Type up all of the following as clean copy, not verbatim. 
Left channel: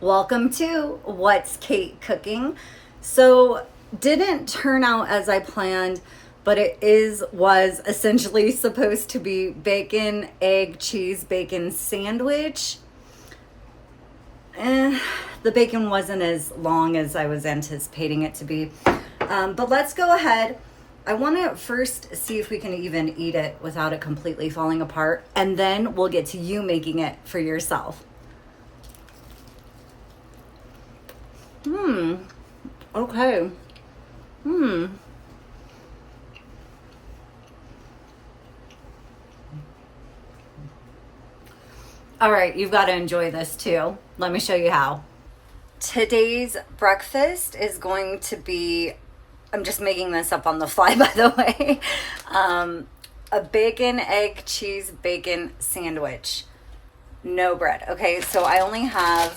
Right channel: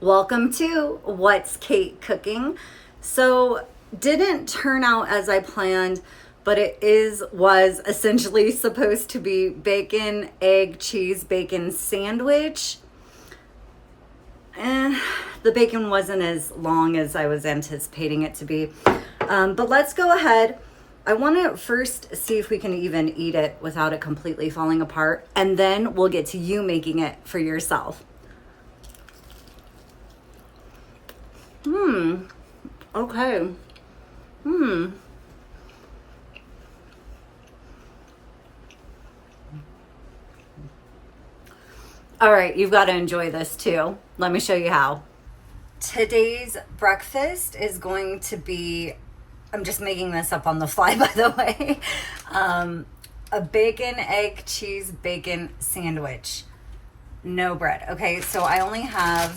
Welcome to What's Kate Cooking. So, didn't turn out as I planned, but was essentially supposed to be bacon, egg, cheese, bacon sandwich. Eh, the bacon wasn't as long as I was anticipating it to be. But let's go ahead. I want to first see if we can even eat it without it completely falling apart, and then we'll get to you making it for yourself. Okay. All right, you've got to enjoy this too. Let me show you how. Today's breakfast is going to be, I'm just making this up on the fly, by the way, a bacon, egg, cheese, bacon sandwich. No bread. Okay, so I only have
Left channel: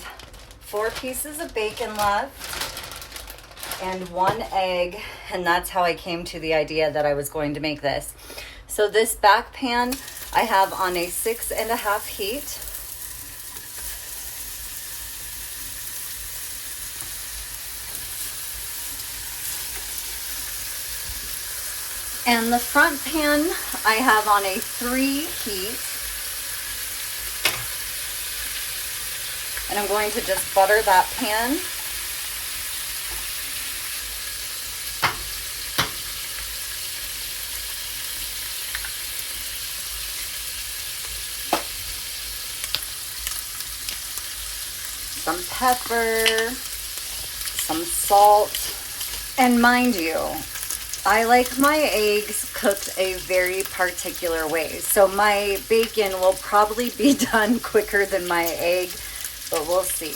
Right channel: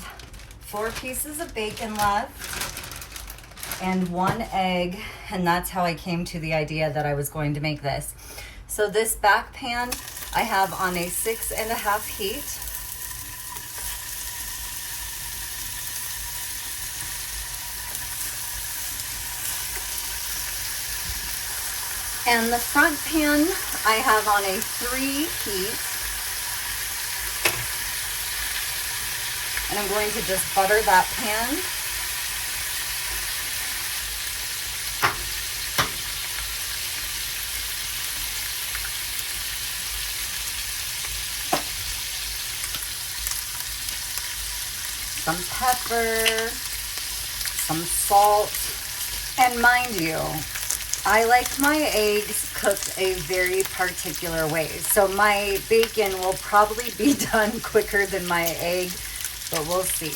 4 pieces of bacon left and 1 egg, and that's how I came to the idea that I was going to make this. So this back pan I have on a 6.5 heat. And the front pan I have on a 3 heat. And I'm going to just butter that pan. Some pepper, some salt, and mind you, I like my eggs cooked a very particular way. So my bacon will probably be done quicker than my egg, but we'll see.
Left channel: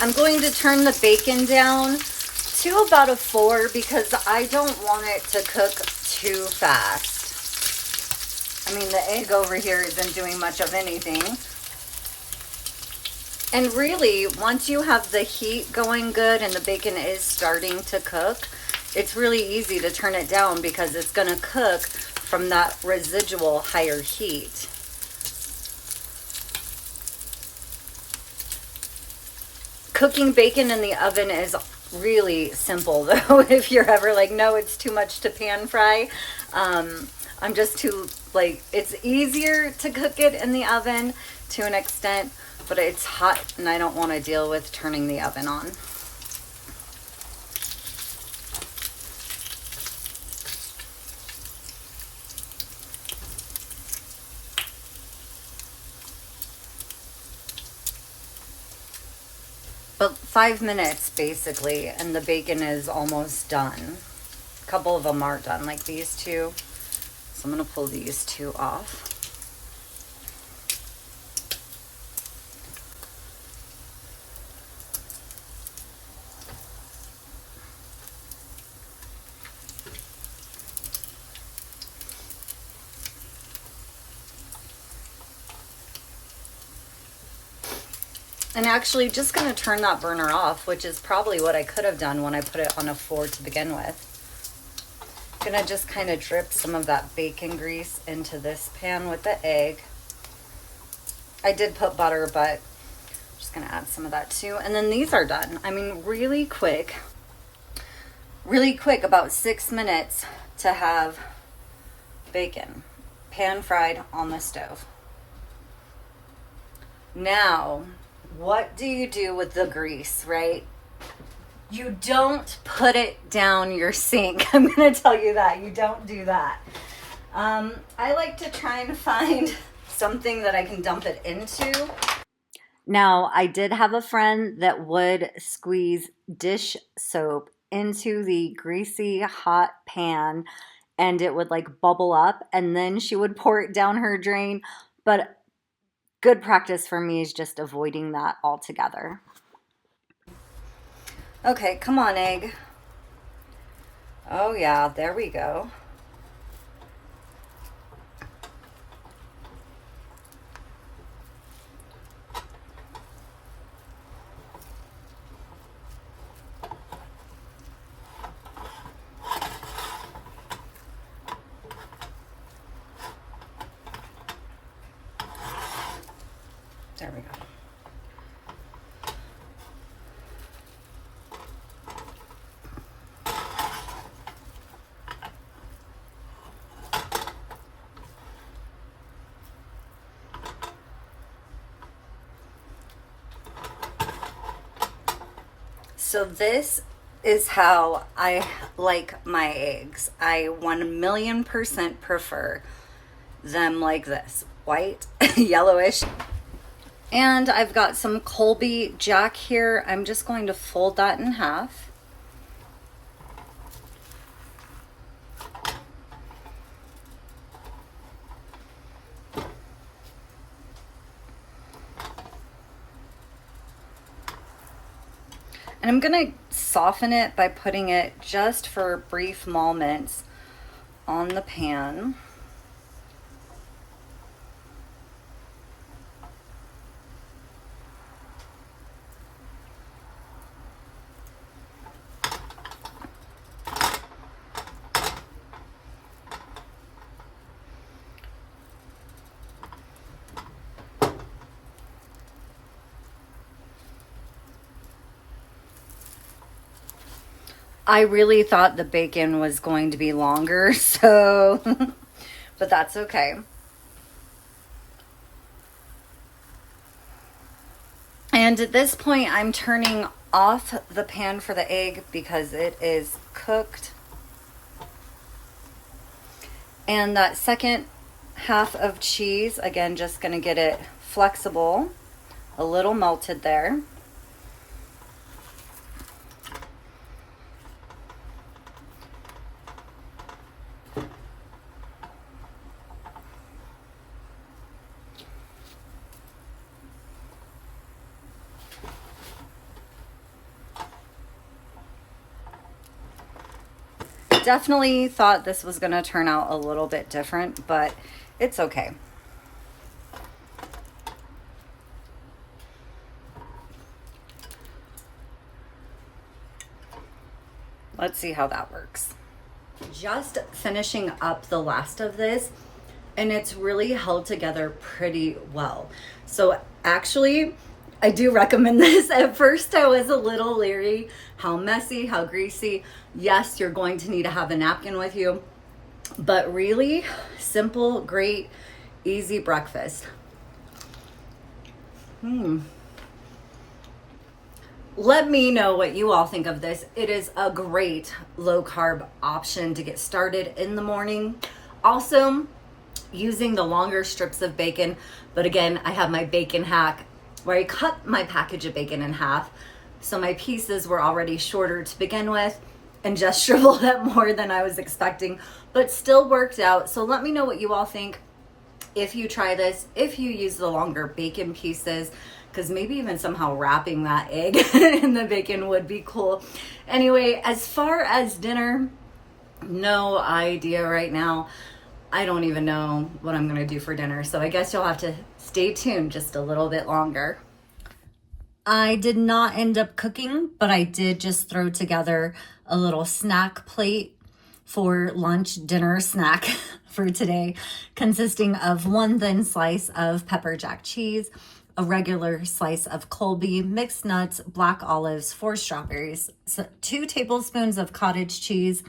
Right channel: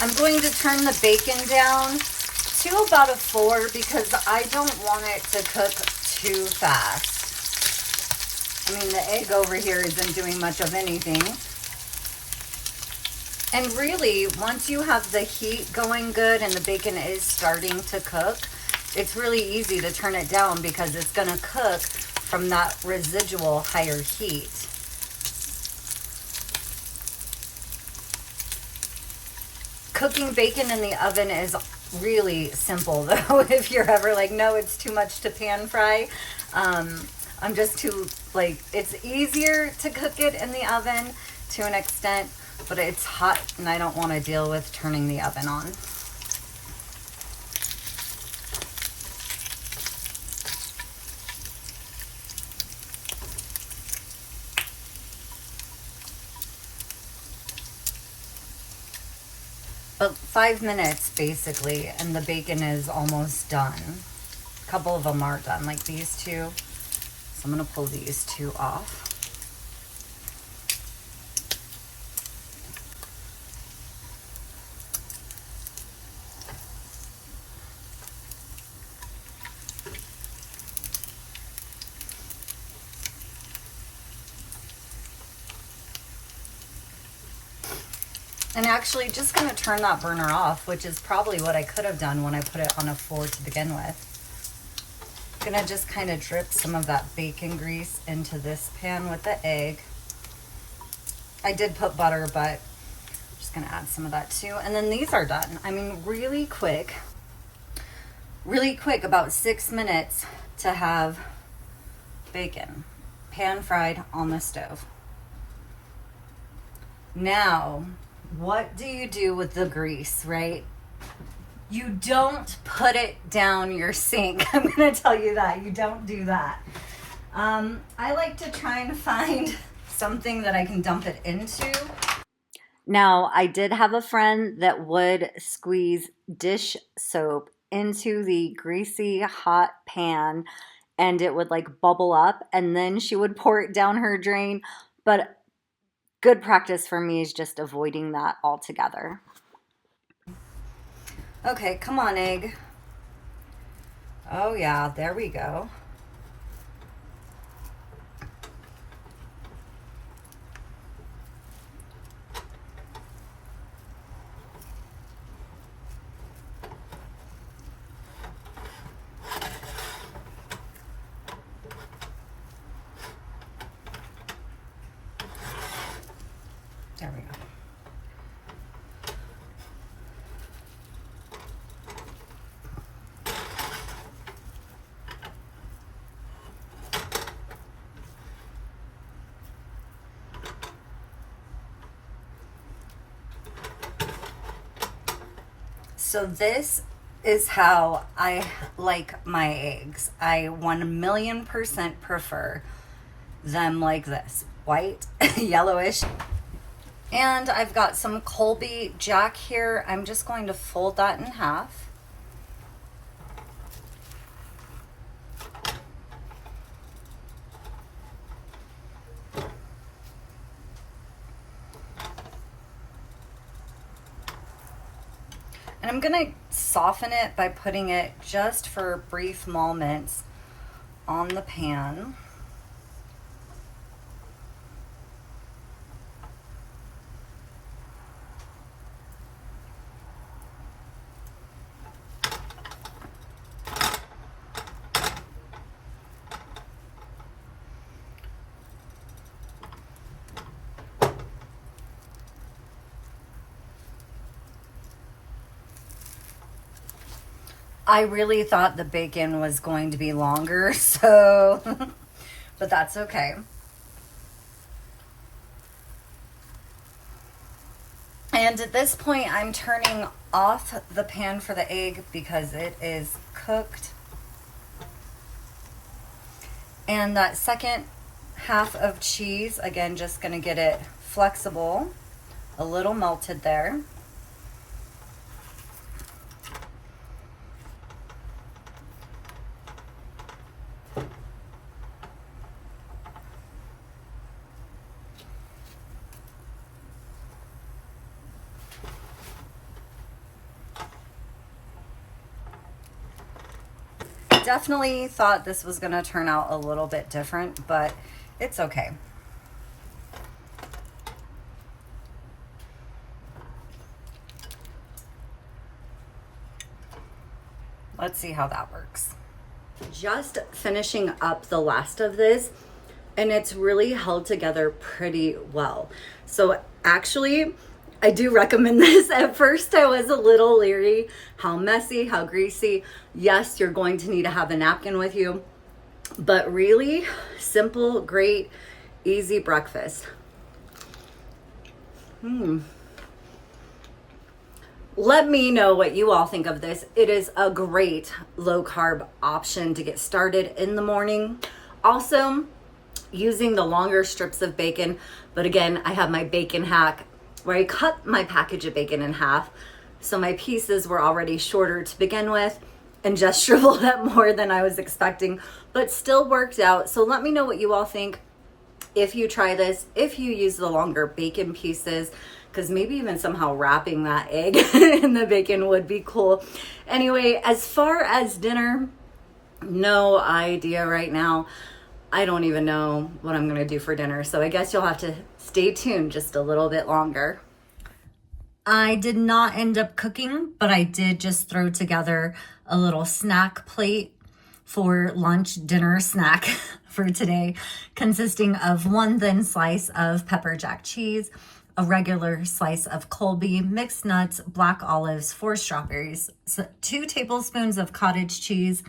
I'm going to turn the bacon down to about a 4 because I don't want it to cook too fast. I mean, the egg over here isn't doing much of anything. And really, once you have the heat going good and the bacon is starting to cook, it's really easy to turn it down because it's going to cook from that residual higher heat. Cooking bacon in the oven is really simple though. If you're ever like, no, it's too much to pan fry. I'm just too, like, it's easier to cook it in the oven to an extent, but it's hot and I don't want to deal with turning the oven on. But 5 minutes basically, and the bacon is almost done. A couple of them are done, like these two. So I'm gonna pull these two off. And actually just gonna turn that burner off, which is probably what I could have done when I put it on a 4 to begin with. Gonna just kind of drip some of that bacon grease into this pan with the egg. I did put butter, but I'm just gonna add some of that too. And then these are done. I mean, really quick, about 6 minutes to have bacon pan fried on the stove. Now, what do you do with the grease, right? You don't put it down your sink. I'm going to tell you that. You don't do that. I like to try and find something that I can dump it into. Now, I did have a friend that would squeeze dish soap into the greasy hot pan and it would like bubble up and then she would pour it down her drain. But good practice for me is just avoiding that altogether. Okay, come on, egg. Oh yeah, there we go. There we go. So this is how I like my eggs. I 1,000,000% prefer them like this, white, yellowish. And I've got some Colby Jack here. I'm just going to fold that in half. And I'm gonna soften it by putting it just for brief moments on the pan. I really thought the bacon was going to be longer, so, but that's okay. And at this point, I'm turning off the pan for the egg because it is cooked. And that second half of cheese, again, just gonna get it flexible, a little melted there. Definitely thought this was going to turn out a little bit different, but it's okay. Let's see how that works. Just finishing up the last of this, and it's really held together pretty well. So actually, I do recommend this. At first, I was a little leery. How messy, how greasy. Yes, you're going to need to have a napkin with you, but really simple, great, easy breakfast. Let me know what you all think of this. It is a great low carb option to get started in the morning. Also, using the longer strips of bacon, but again, I have my bacon hack where I cut my package of bacon in half. So my pieces were already shorter to begin with and just shriveled up more than I was expecting, but still worked out. So let me know what you all think if you try this, if you use the longer bacon pieces, because maybe even somehow wrapping that egg in the bacon would be cool. Anyway, as far as dinner, no idea right now. I don't even know what I'm gonna do for dinner. So I guess you'll have to stay tuned just a little bit longer. I did not end up cooking, but I did just throw together a little snack plate for lunch, dinner snack for today, consisting of one thin slice of pepper jack cheese, a regular slice of Colby, mixed nuts, black olives, 4 strawberries, 2 tablespoons of cottage cheese,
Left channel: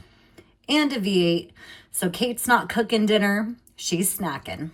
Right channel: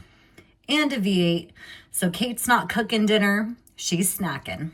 and a V8. So Kate's not cooking dinner, she's snacking.